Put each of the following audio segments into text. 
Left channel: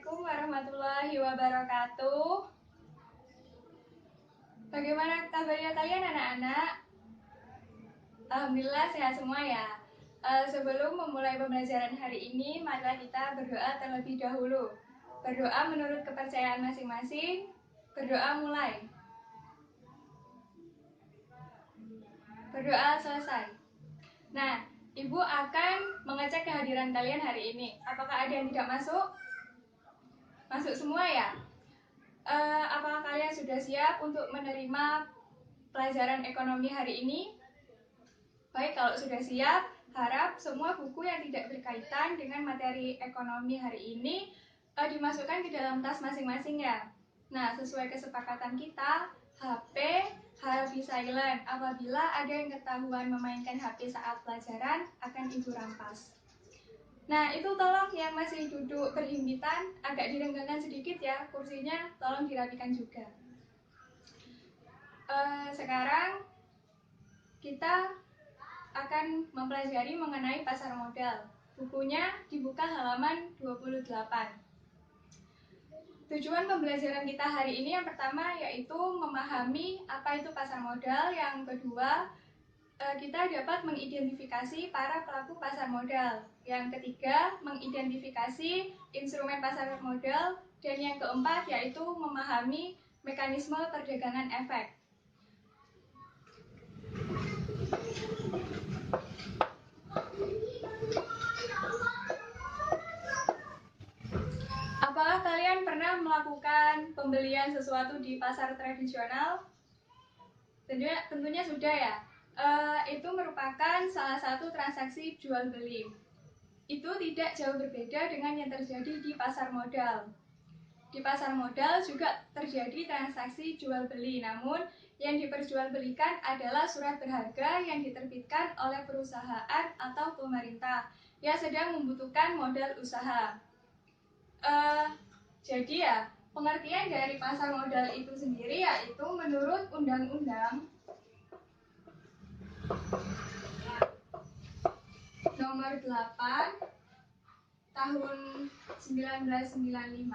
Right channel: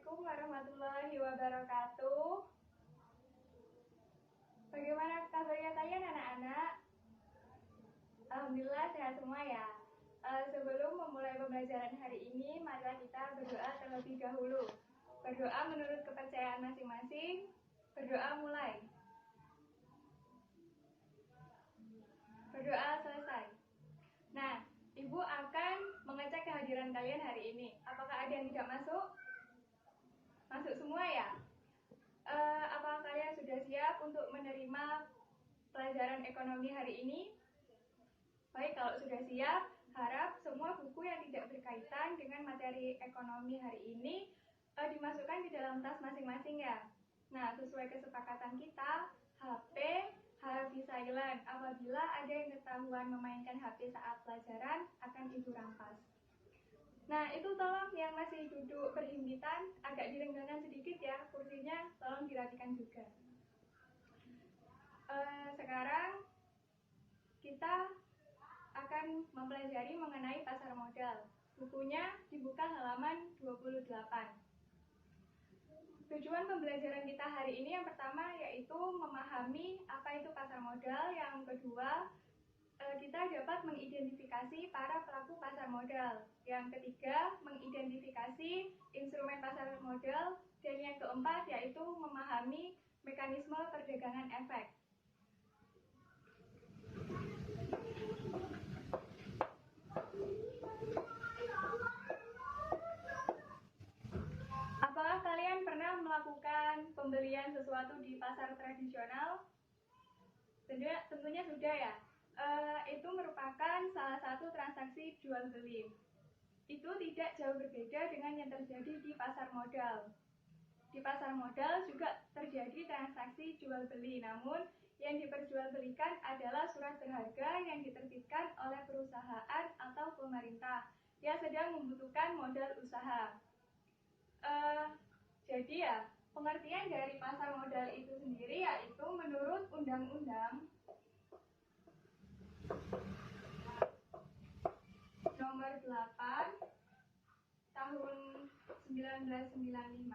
Assalamualaikum warahmatullahi wabarakatuh. Bagaimana kabarnya kalian anak-anak? Alhamdulillah sehat semua ya. Sebelum memulai pembelajaran hari ini, marilah kita berdoa terlebih dahulu. Berdoa menurut kepercayaan masing-masing. Berdoa mulai. Berdoa selesai. Nah, Ibu akan mengecek kehadiran kalian hari ini. Apakah ada yang tidak masuk? Masuk semua ya? Apakah kalian sudah siap untuk menerima pelajaran ekonomi hari ini? Baik, kalau sudah siap, harap semua buku yang tidak berkaitan dengan materi ekonomi hari ini dimasukkan ke dalam tas masing-masing ya. Nah, sesuai kesepakatan kita, HP harus di silent. Apabila ada yang ketahuan memainkan HP saat pelajaran, akan Ibu rampas. Nah, itu tolong yang masih duduk berhimpitan, agak direnggangkan sedikit ya, kursinya tolong dirapikan juga. Sekarang kita akan mempelajari mengenai pasar modal. Bukunya dibuka halaman 28. Tujuan pembelajaran kita hari ini yang pertama yaitu memahami apa itu pasar modal. Yang kedua, kita dapat mengidentifikasi para pelaku pasar modal. Yang ketiga, mengidentifikasi instrumen pasar modal. Dan yang keempat yaitu memahami mekanisme perdagangan efek. Apakah kalian pernah melakukan pembelian sesuatu di pasar tradisional? Tentunya sudah ya. Itu merupakan salah satu transaksi jual beli. Itu tidak jauh berbeda dengan yang terjadi di pasar modal. Di pasar modal juga terjadi transaksi jual beli, namun yang diperjualbelikan adalah surat berharga yang diterbitkan oleh perusahaan atau pemerintah yang sedang membutuhkan modal usaha. Jadi ya, pengertian dari pasar modal itu sendiri yaitu menurut Undang-Undang Nomor 8 Tahun 1995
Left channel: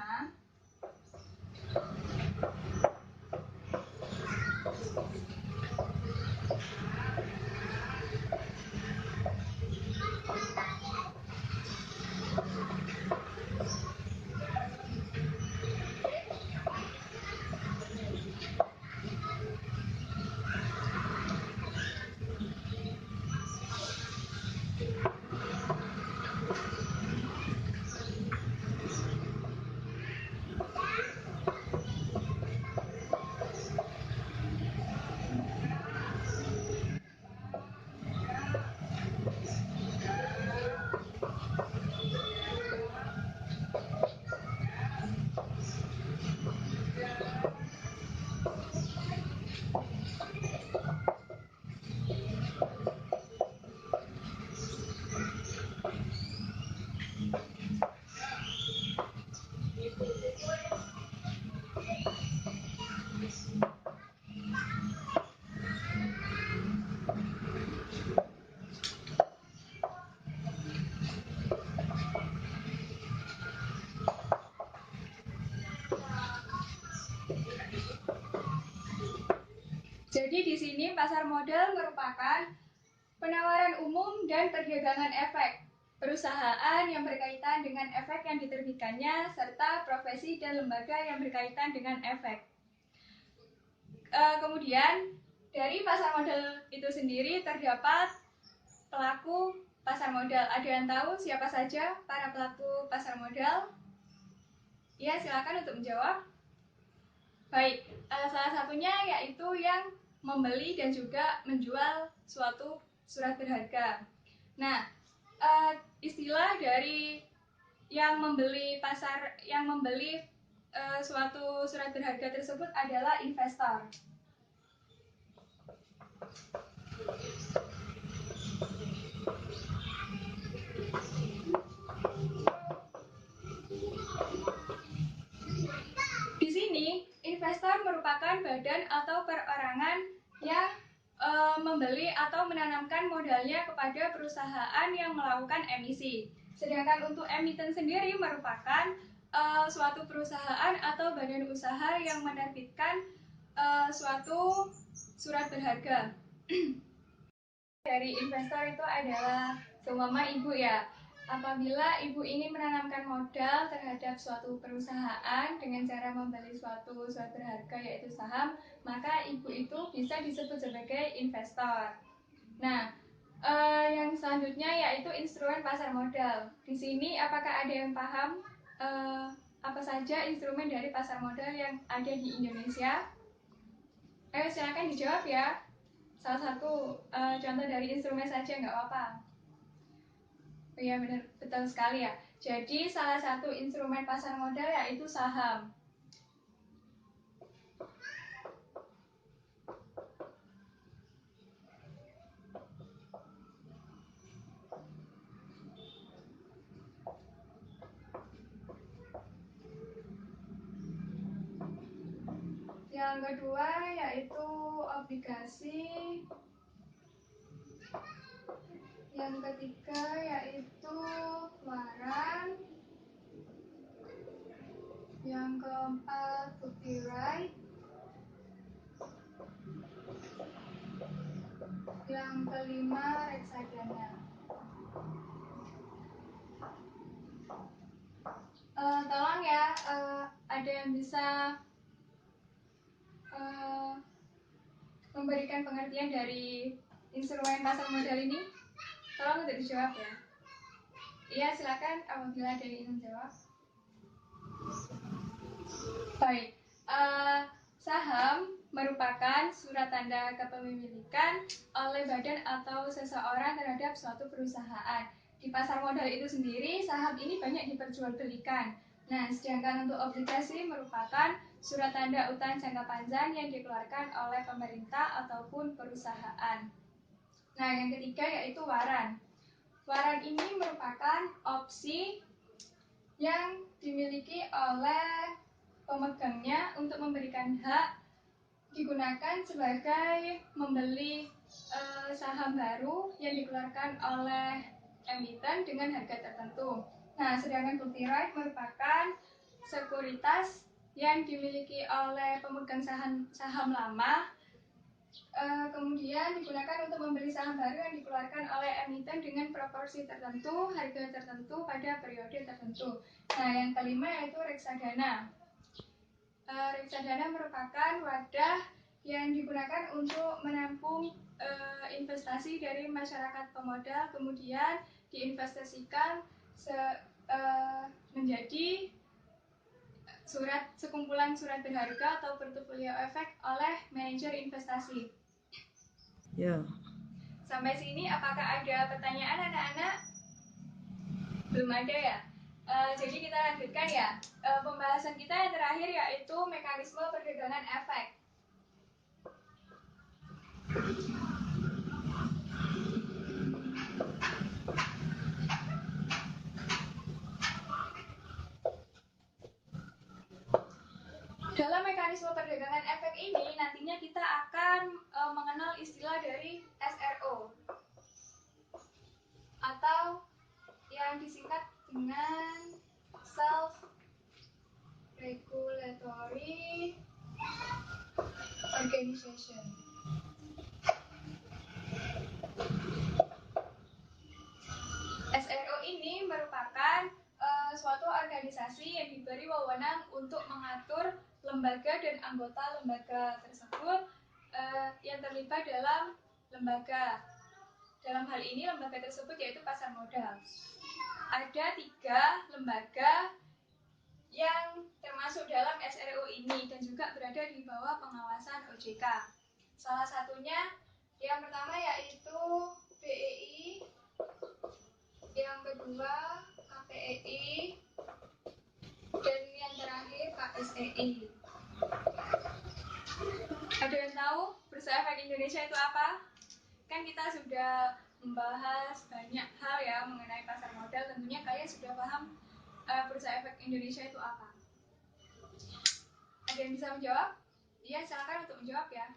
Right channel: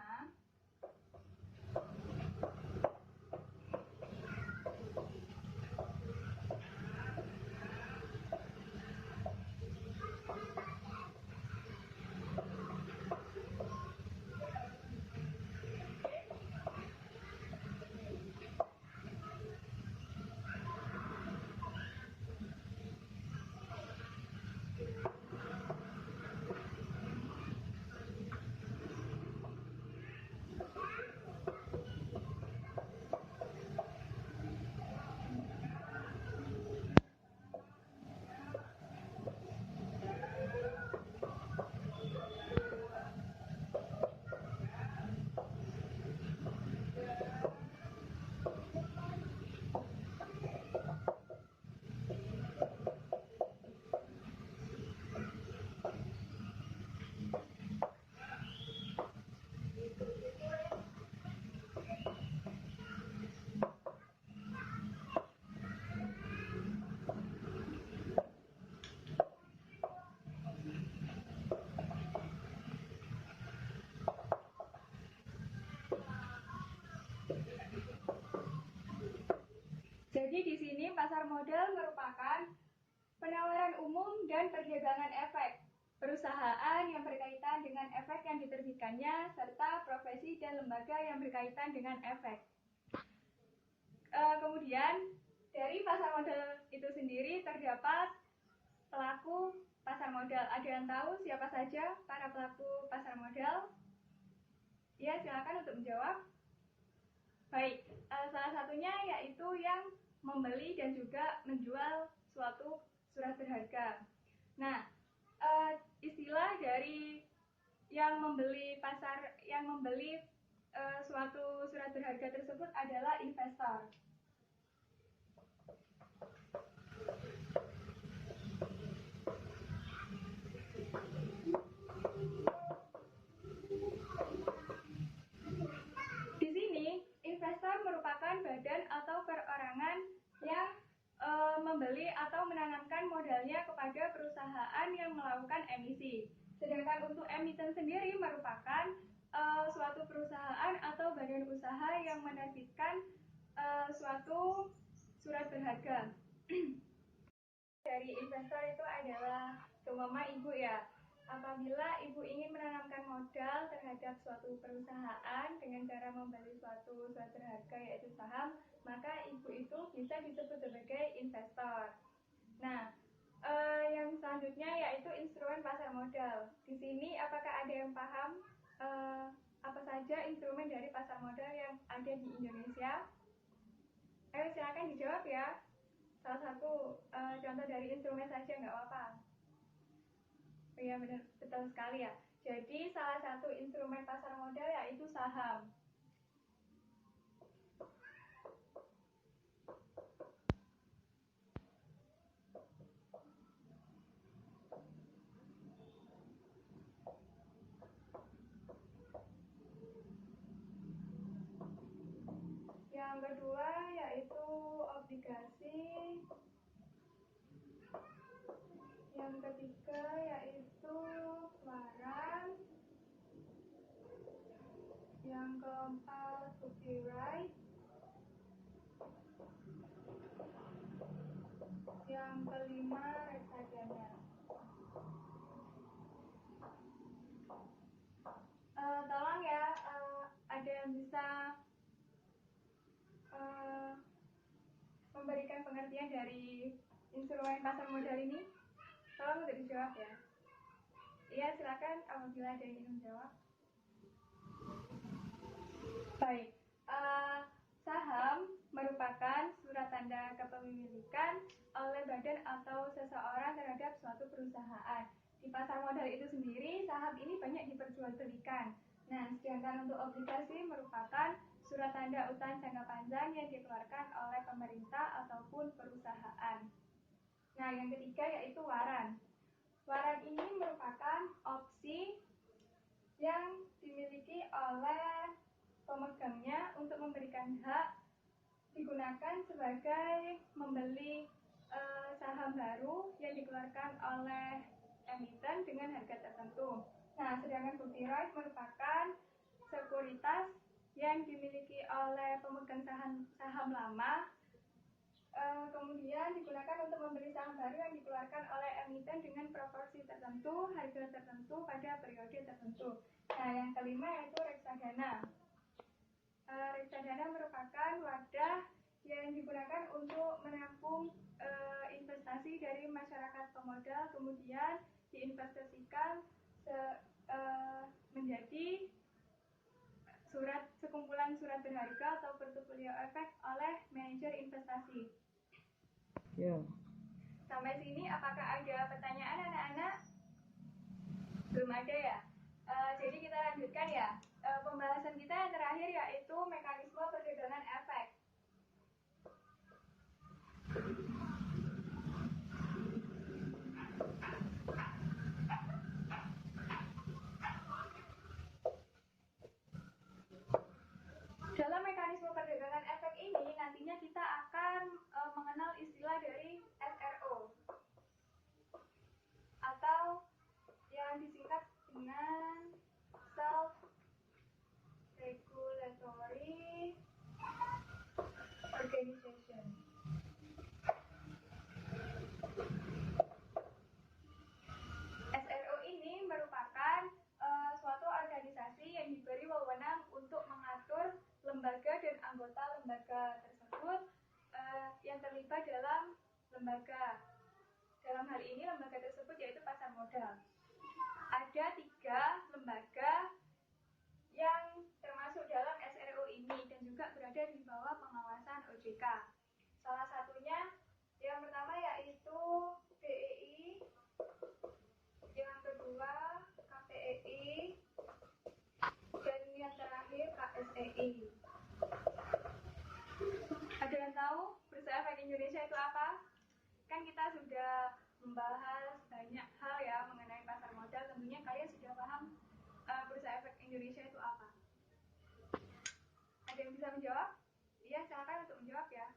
Jadi di sini pasar modal merupakan penawaran umum dan perdagangan efek perusahaan yang berkaitan dengan efek yang diterbitkannya serta profesi dan lembaga yang berkaitan dengan efek. Kemudian dari pasar modal itu sendiri terdapat pelaku pasar modal. Ada yang tahu siapa saja para pelaku pasar modal? Ya, silakan untuk menjawab. Baik, salah satunya yaitu yang membeli dan juga menjual suatu surat berharga. Nah, istilah dari yang membeli suatu surat berharga tersebut adalah investor. Di sini, investor merupakan badan atau perorangan yang membeli atau menanamkan modalnya kepada perusahaan yang melakukan emisi. Sedangkan untuk emiten sendiri merupakan suatu perusahaan atau badan usaha yang menerbitkan suatu surat berharga. Dari investor itu adalah seumpama ibu ya. Apabila ibu ingin menanamkan modal terhadap suatu perusahaan dengan cara membeli suatu surat berharga yaitu saham, maka ibu itu bisa disebut sebagai investor. Nah, yang selanjutnya yaitu instrumen pasar modal. Di sini apakah ada yang paham apa saja instrumen dari pasar modal yang ada di Indonesia? Ayo silakan dijawab ya. Salah satu contoh dari instrumen saja nggak apa-apa. Oh iya benar, betul sekali ya. Jadi salah satu instrumen pasar modal yaitu saham. Yang kedua yaitu obligasi. Yang ketiga yaitu waran. Yang keempat bukti right. Yang kelima reksadana. Tolong ya, ada yang bisa memberikan pengertian dari instrumen pasar modal ini? Tolong untuk dijawab ya. Iya, silakan apabila ada yang ingin jawab. Baik, saham merupakan surat tanda kepemilikan oleh badan atau seseorang terhadap suatu perusahaan. Di pasar modal itu sendiri, saham ini banyak diperjualbelikan. Nah, sedangkan untuk obligasi merupakan surat tanda utang jangka panjang yang dikeluarkan oleh pemerintah ataupun perusahaan. Nah, yang ketiga yaitu waran. Waran ini merupakan opsi yang dimiliki oleh pemegangnya untuk memberikan hak digunakan sebagai membeli saham baru yang dikeluarkan oleh emiten dengan harga tertentu. Nah, sedangkan bukti right merupakan sekuritas yang dimiliki oleh pemegang saham lama kemudian digunakan untuk membeli saham baru yang dikeluarkan oleh emiten dengan proporsi tertentu, harga tertentu pada periode tertentu. Nah, yang kelima yaitu reksadana. Reksadana merupakan wadah yang digunakan untuk menampung investasi dari masyarakat pemodal, kemudian diinvestasikan menjadi sekumpulan surat berharga atau portfolio efek oleh manajer investasi. Ya. Sampai sini apakah ada pertanyaan anak-anak? Belum ada ya? Jadi kita lanjutkan ya. Pembahasan kita yang terakhir yaitu mekanisme perdagangan efek. Dalam mekanisme perdagangan efek ini nantinya kita akan mengenal istilah dari SRO atau yang disingkat dengan Self Regulatory Organization. SRO ini merupakan suatu organisasi yang diberi wewenang untuk mengatur lembaga dan anggota lembaga tersebut yang terlibat dalam lembaga. Dalam hal ini lembaga tersebut yaitu pasar modal. Ada 3 lembaga yang termasuk dalam SRO ini dan juga berada di bawah pengawasan OJK. Salah satunya yang pertama yaitu BEI, yang kedua KPEI, dan yang terakhir KSEI. Ada yang tahu Bursa Efek Indonesia itu apa? Kan kita sudah membahas banyak hal ya mengenai pasar modal, tentunya kalian sudah paham Bursa Efek Indonesia itu apa? Ada yang bisa menjawab? Iya, silakan untuk menjawab ya.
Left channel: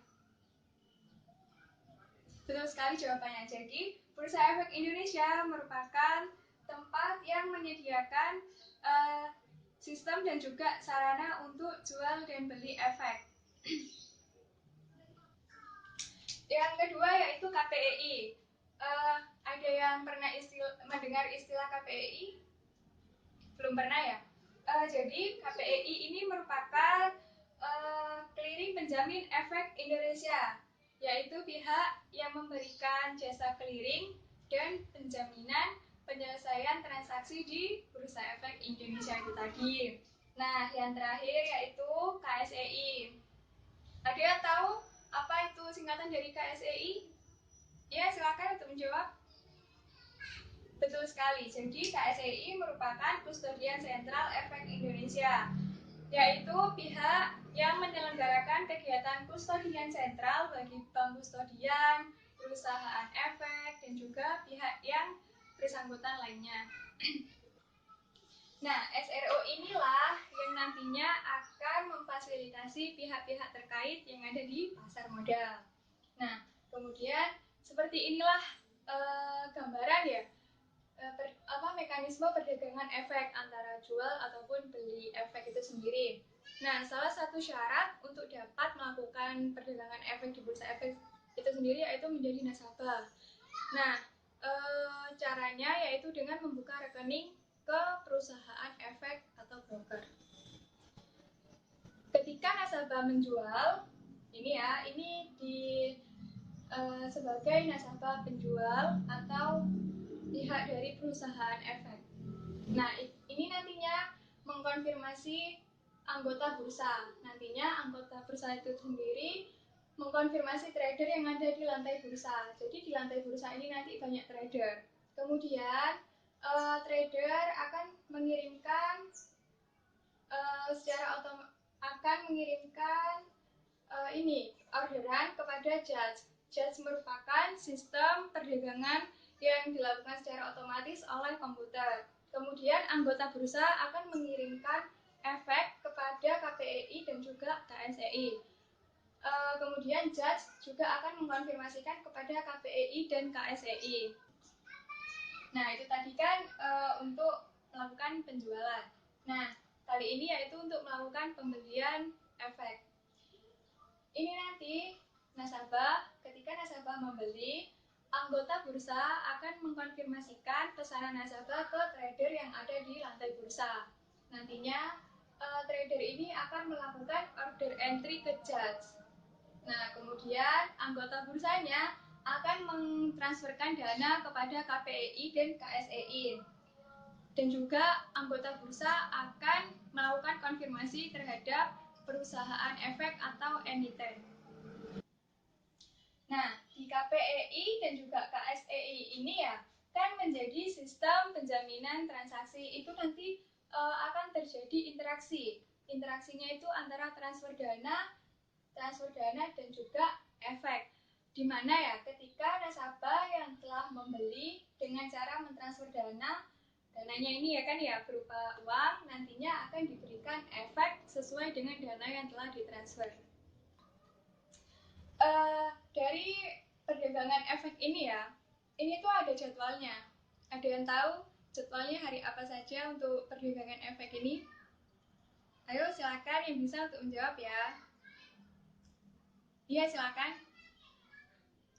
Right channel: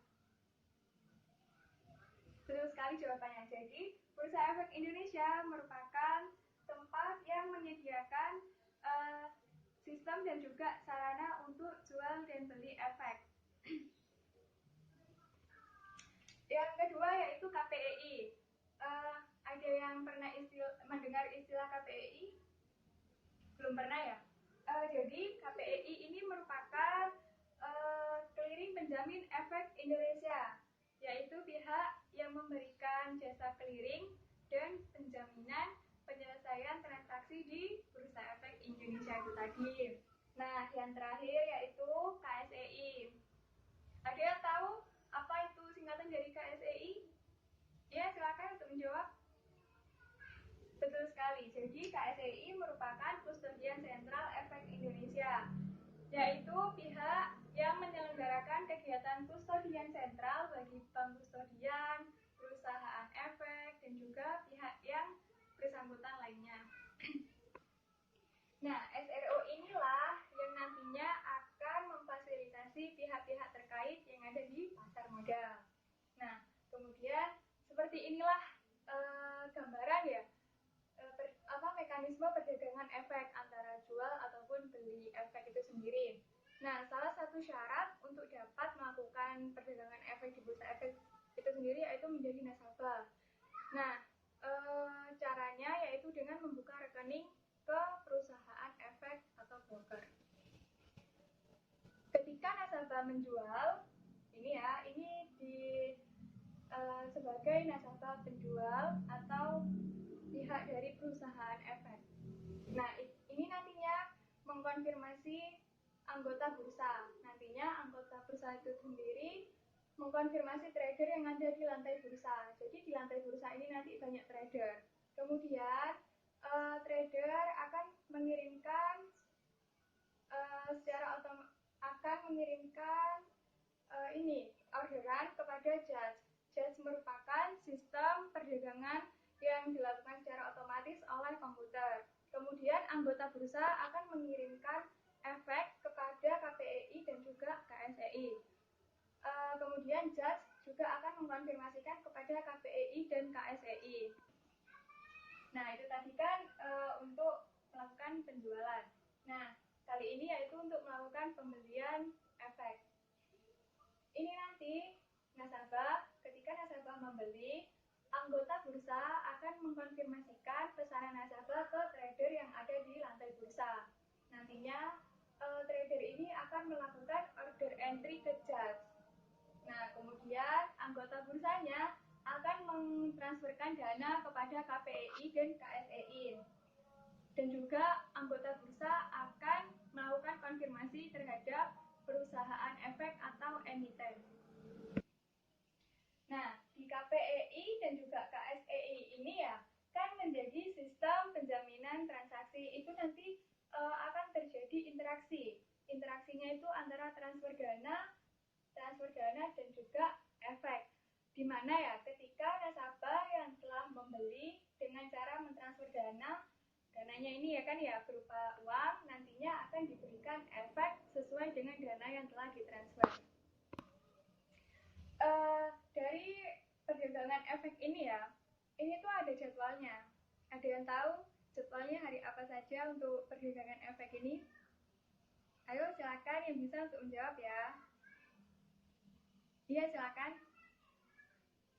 Betul sekali jawabannya. Jadi, Bursa Efek Indonesia merupakan tempat yang menyediakan sistem sistem dan juga sarana untuk jual dan beli efek. Yang kedua yaitu KPEI. Ada yang pernah mendengar istilah KPEI? Belum pernah ya? Jadi KPEI ini merupakan clearing penjamin efek Indonesia, yaitu pihak yang memberikan jasa clearing dan penjaminan penyelesaian transaksi di Bursa Efek Indonesia itu tadi. Nah, yang terakhir yaitu KSEI. Ada yang tahu apa itu singkatan dari KSEI? Ya, silakan untuk menjawab. Betul sekali. Jadi KSEI merupakan Kustodian Sentral Efek Indonesia, yaitu pihak yang menyelenggarakan kegiatan kustodian sentral bagi bank kustodian, perusahaan efek, dan juga pihak yang bersangkutan lainnya. Nah, SRO inilah yang nantinya akan memfasilitasi pihak-pihak terkait yang ada di pasar modal. Nah, kemudian seperti inilah gambaran ya, mekanisme perdagangan efek antara jual ataupun beli efek itu sendiri. Nah, salah satu syarat untuk dapat melakukan perdagangan efek di bursa efek itu sendiri yaitu menjadi nasabah. Nah, caranya yaitu dengan membuka rekening ke perusahaan efek atau broker. Ketika nasabah menjual, ini sebagai nasabah penjual atau pihak dari perusahaan efek. Nah, ini nantinya mengkonfirmasi anggota bursa. Nantinya anggota bursa itu sendiri mengkonfirmasi trader yang ada di lantai bursa. Jadi di lantai bursa ini nanti banyak trader. Kemudian trader akan mengirimkan orderan kepada judge. Judge merupakan sistem perdagangan yang dilakukan secara otomatis oleh komputer. Kemudian anggota bursa akan mengirimkan efek kepada KPEI dan juga KSEI. Kemudian judge juga akan mengkonfirmasikan kepada KPEI dan KSEI. Nah, itu tadi kan untuk melakukan penjualan. Nah, kali ini yaitu untuk melakukan pembelian efek. Ini nanti ketika nasabah membeli, anggota bursa akan mengkonfirmasikan pesanan nasabah ke trader yang ada di lantai bursa. Nantinya trader ini akan melakukan order entry ke judge. Nah, kemudian anggota bursanya akan mentransferkan dana kepada KPEI dan KSEI. Dan juga anggota bursa akan melakukan konfirmasi terhadap perusahaan efek atau emiten. Nah, di KPEI dan juga KSEI ini ya, kan menjadi sistem penjaminan transaksi. Itu nanti akan terjadi interaksi. Interaksinya itu antara transfer dana dan juga efek. Di mana ya, ketika nasabah yang telah membeli dengan cara mentransfer dananya ini ya kan ya berupa uang, nantinya akan diberikan efek sesuai dengan dana yang telah ditransfer. Dari perdagangan efek ini ya, ini tuh ada jadwalnya. Ada yang tahu jadwalnya hari apa saja untuk perdagangan efek ini? Ayo silakan yang bisa untuk menjawab ya. Iya silakan.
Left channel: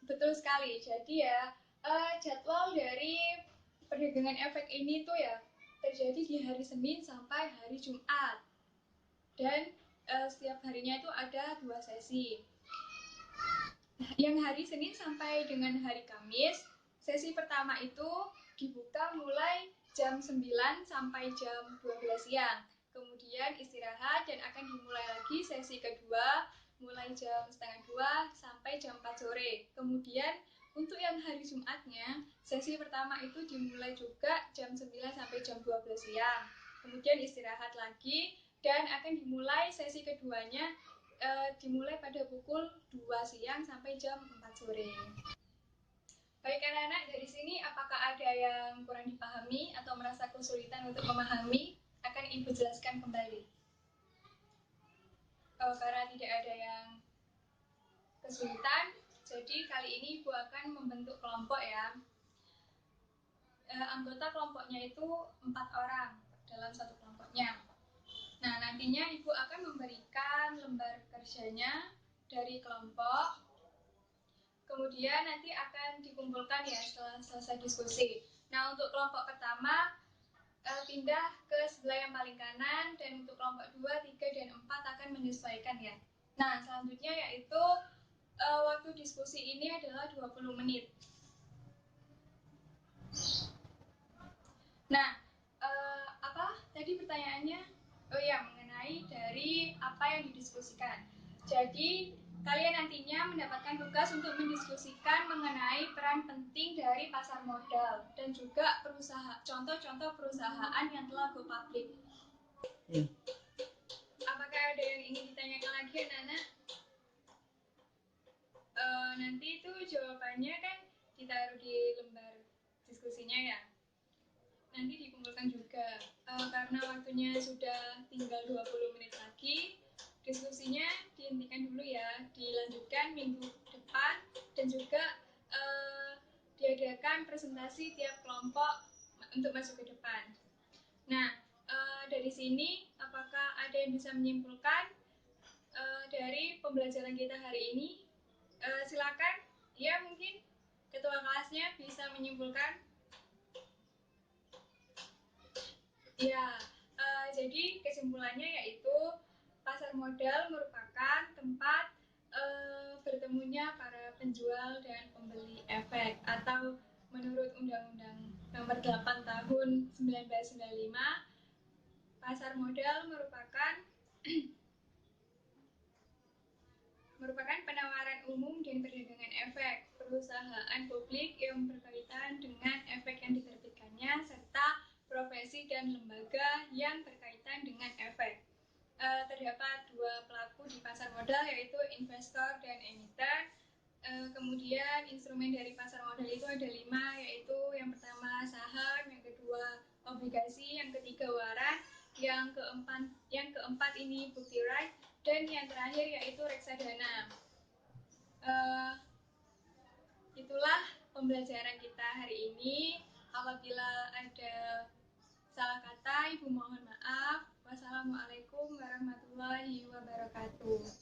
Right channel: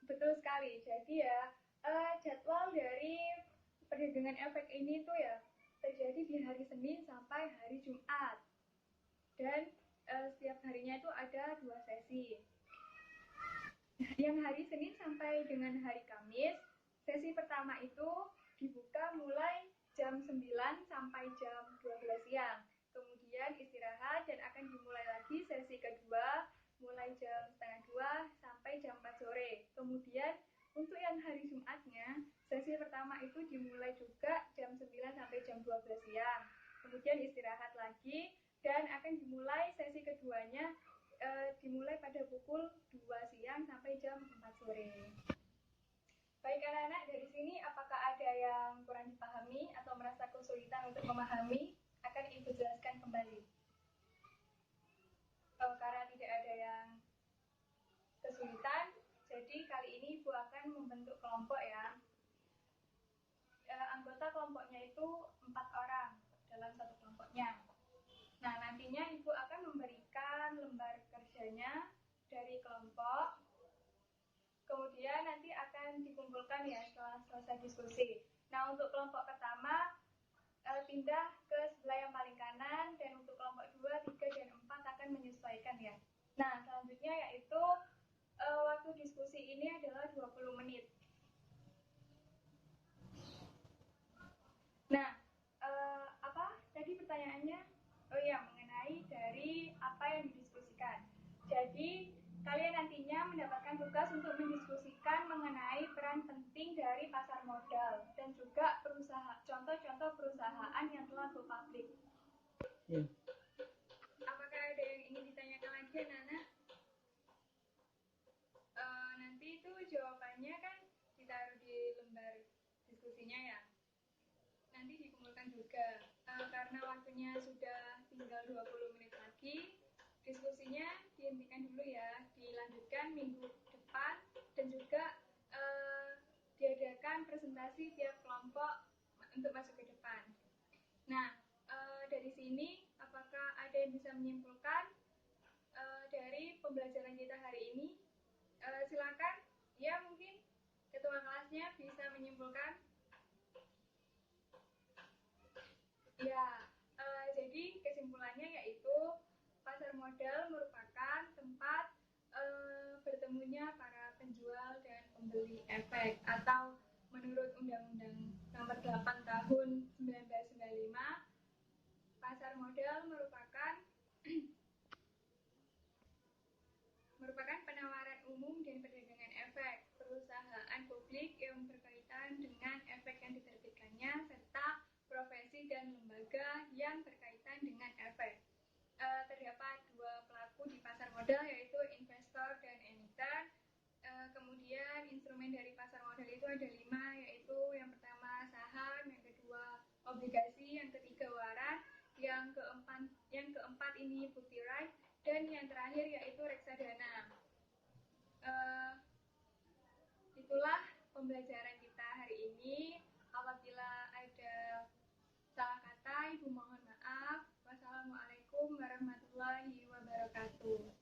Betul sekali. Jadi ya jadwal dari perdagangan efek ini tuh ya terjadi di hari Senin sampai hari Jumat. Dan setiap harinya itu ada 2 sesi. Yang hari Senin sampai dengan hari Kamis, sesi pertama itu dibuka mulai jam 9 sampai jam 12 siang. Kemudian istirahat dan akan dimulai lagi sesi kedua mulai jam setengah 2 sampai jam 4 sore. Kemudian untuk yang hari Jumatnya, sesi pertama itu dimulai juga jam 9 sampai jam 12 siang. Kemudian istirahat lagi dan akan dimulai sesi keduanya dimulai pada pukul 2 siang sampai jam 4 sore. Baik anak-anak, dari sini apakah ada yang kurang dipahami atau merasa kesulitan untuk memahami? Akan Ibu jelaskan kembali. Karena tidak ada yang kesulitan, jadi kali ini Ibu akan membentuk kelompok ya. Anggota kelompoknya itu 4 orang dalam satu kelompoknya. nantinya Ibu akan memberikan lembar kerjanya dari kelompok, kemudian nanti akan dikumpulkan ya setelah selesai diskusi. Nah, untuk kelompok pertama pindah ke sebelah yang paling kanan, dan untuk kelompok 2, 3, dan 4 akan menyesuaikan ya. Nah, selanjutnya yaitu waktu diskusi ini adalah 20 menit. Nah, apa tadi pertanyaannya? Oh iya, mengenai dari apa yang didiskusikan. Jadi, kalian nantinya mendapatkan tugas untuk mendiskusikan mengenai peran penting dari pasar modal dan juga contoh-contoh perusahaan yang telah go public. Ya. Apakah ada yang ingin ditanyakan lagi, Nana? Nanti itu jawabannya kan ditaruh di lembar diskusinya ya. Nanti dikumpulkan juga. Karena waktunya sudah tinggal 20 menit lagi, diskusinya dihentikan dulu ya, dilanjutkan minggu depan, dan juga diadakan presentasi tiap kelompok untuk masuk ke depan. Nah, dari sini apakah ada yang bisa menyimpulkan dari pembelajaran kita hari ini? Silakan, ya mungkin ketua kelasnya bisa menyimpulkan. Ya, jadi kesimpulannya yaitu pasar modal merupakan tempat bertemunya para penjual dan pembeli efek, atau menurut Undang-Undang Nomor 8 Tahun 1995, pasar modal merupakan penawaran umum dan perdagangan efek perusahaan publik yang berkaitan dengan efek yang diterbitkannya, serta profesi dan lembaga yang berkaitan dengan efek. Terdapat dua pelaku di pasar modal, yaitu investor dan emiten. Kemudian instrumen dari pasar modal itu ada 5, yaitu yang pertama saham, yang kedua obligasi, yang ketiga waran, yang keempat ini bukti right, dan yang terakhir yaitu reksadana. Itulah pembelajaran kita hari ini. Apabila ada salah kata, Ibu mohon maaf. Wassalamualaikum warahmatullahi wabarakatuh.